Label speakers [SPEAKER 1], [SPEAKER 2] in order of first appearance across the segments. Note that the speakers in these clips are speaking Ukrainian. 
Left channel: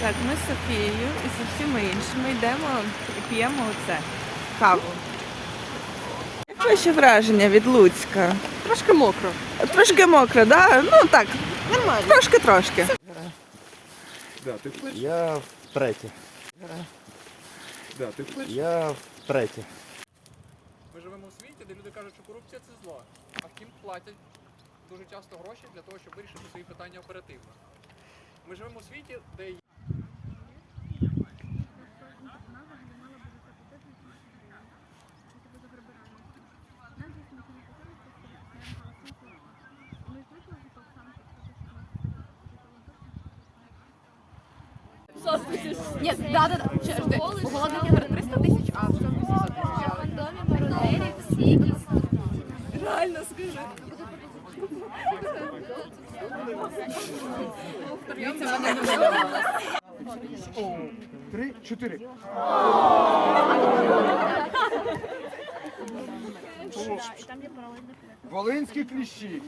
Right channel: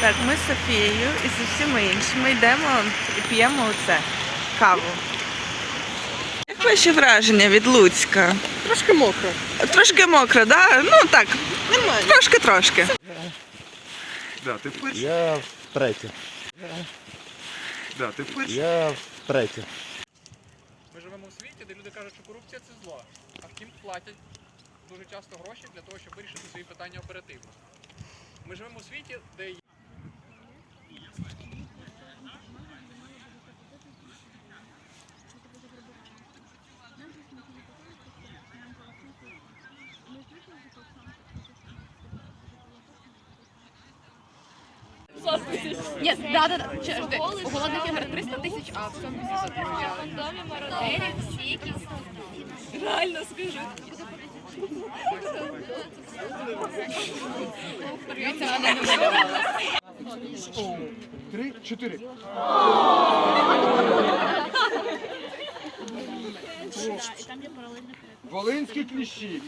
[SPEAKER 1] Так, ми з Софією і з усіма іншими йдемо і п'ємо оце каву. Як ваші враження від Луцька?
[SPEAKER 2] Трошки мокро.
[SPEAKER 1] Трошки мокро, да? Ну так, трошки-трошки.
[SPEAKER 3] Да, ти перший.
[SPEAKER 4] Я третє.
[SPEAKER 3] Да, ти перший.
[SPEAKER 4] Я третє.
[SPEAKER 5] Ми живемо у світі, де люди кажуть, що корупція це зло, а втім платять дуже часто гроші для того, щоб вирішити свої питання оперативно. Ми живемо у світі, де
[SPEAKER 6] Ні, да, да, да. У голодних ігор 300 тисяч, а. Реально скажу. Дивіться,
[SPEAKER 3] Три, чотири. Волинські кліщі.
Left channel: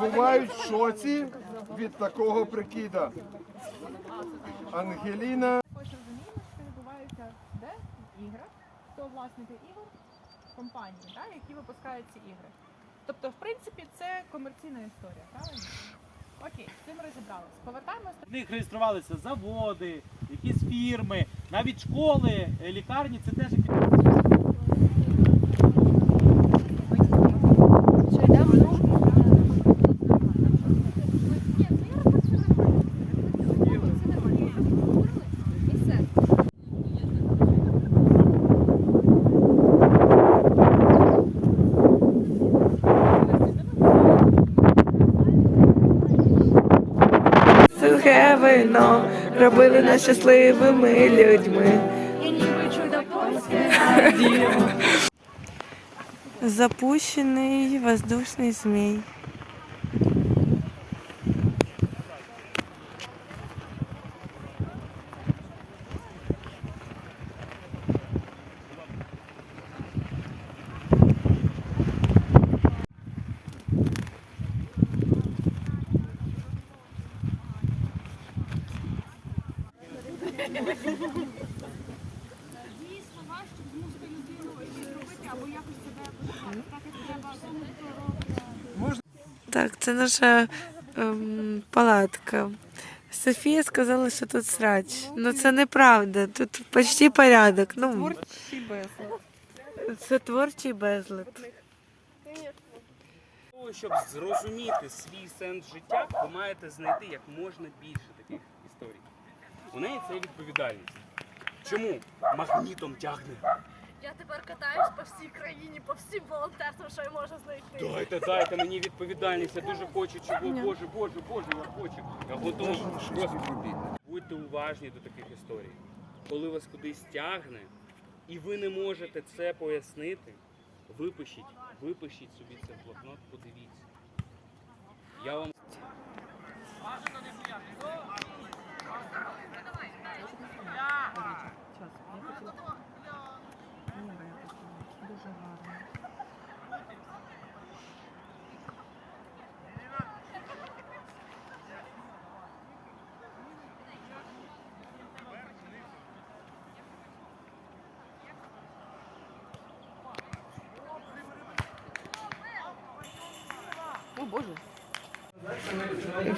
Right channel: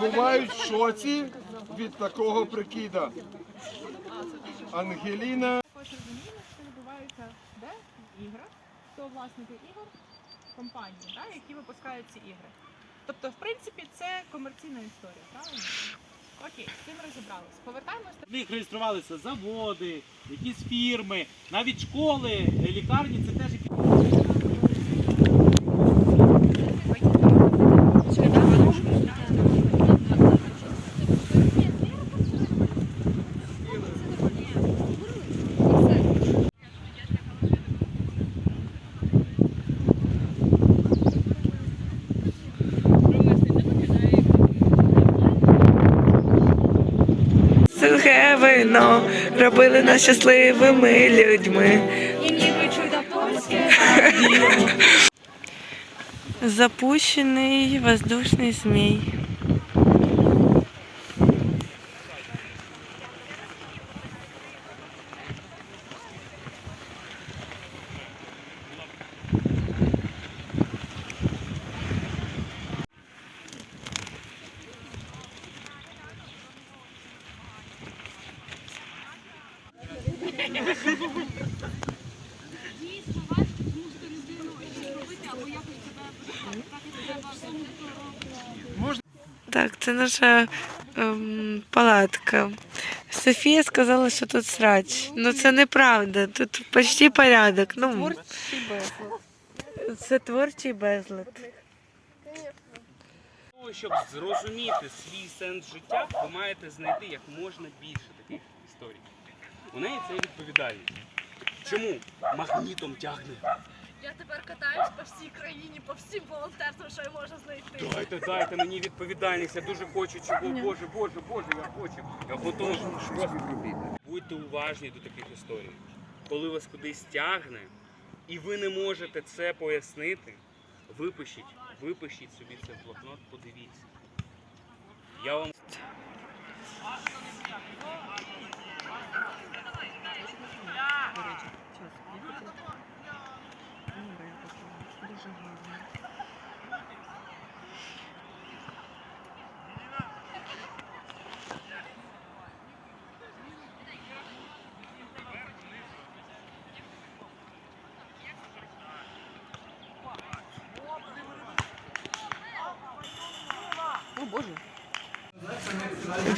[SPEAKER 3] Бувають в шоці від такого прикида. Ангеліна.
[SPEAKER 7] також розуміємо, що відбувається де в іграх, хто власники ігор, компанії, да, які випускають ці ігри. Тобто, в принципі, це комерційна історія, правильно? Окей, з цим розібралися. Повертаємося
[SPEAKER 8] В них реєструвалися заводи, якісь фірми, навіть школи, лікарні це теж
[SPEAKER 1] Сухе вино робили нас щасливими людьми. Запущений воздушний змій. Так, це наша ем, палатка. Софія сказала, що тут срач. Ну це неправда. Тут почти порядок. Ну, це творчий безлад.
[SPEAKER 9] щоб зрозуміти свій сенс життя, ви маєте знайти як можна більше. У неї це відповідальність. Чому магнітом тягне?
[SPEAKER 6] Я тепер катаюсь по всій країні, по всім волонтерствам, що я можу знайти.
[SPEAKER 9] Дайте, дайте мені відповідальність. Я дуже хочу чого. Боже, Боже, Боже, я хочу. Я готовий. Будьте уважні до таких історій. Коли вас кудись тягне, і ви не можете це пояснити, випишіть, випишіть собі це в блокнот, подивіться. Я вам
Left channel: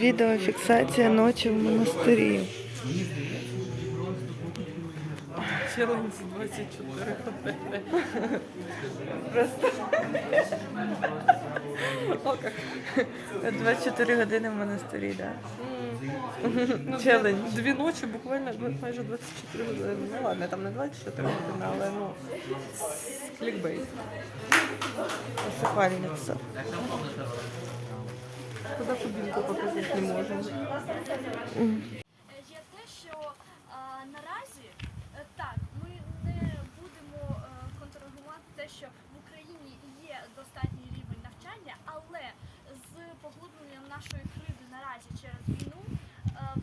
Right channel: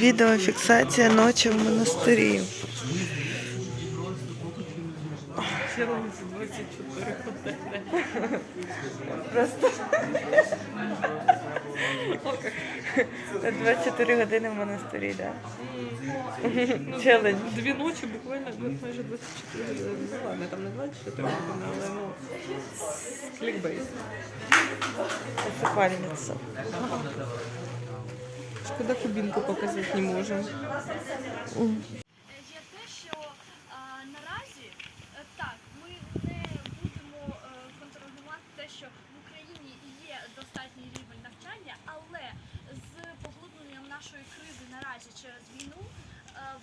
[SPEAKER 1] Відеофіксація ночі в монастирі. Просто 24 години в монастирі, так? Да? Челендж.
[SPEAKER 2] Дві ночі буквально майже 24 години. Ну ладно, там не 24 години, але ну. Клікбейт.
[SPEAKER 1] Посипальниця.
[SPEAKER 2] Шкода кубінку показати не можемо.
[SPEAKER 6] Є те, що наразі е, так, ми не будемо е, контролювати те, що в Україні є достатній рівень навчання, але з поглибленням нашої кризи наразі через війну е,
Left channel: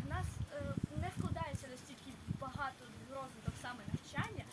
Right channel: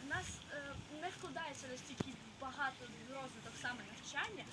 [SPEAKER 6] в нас не вкладається настільки багато розвиток саме навчання,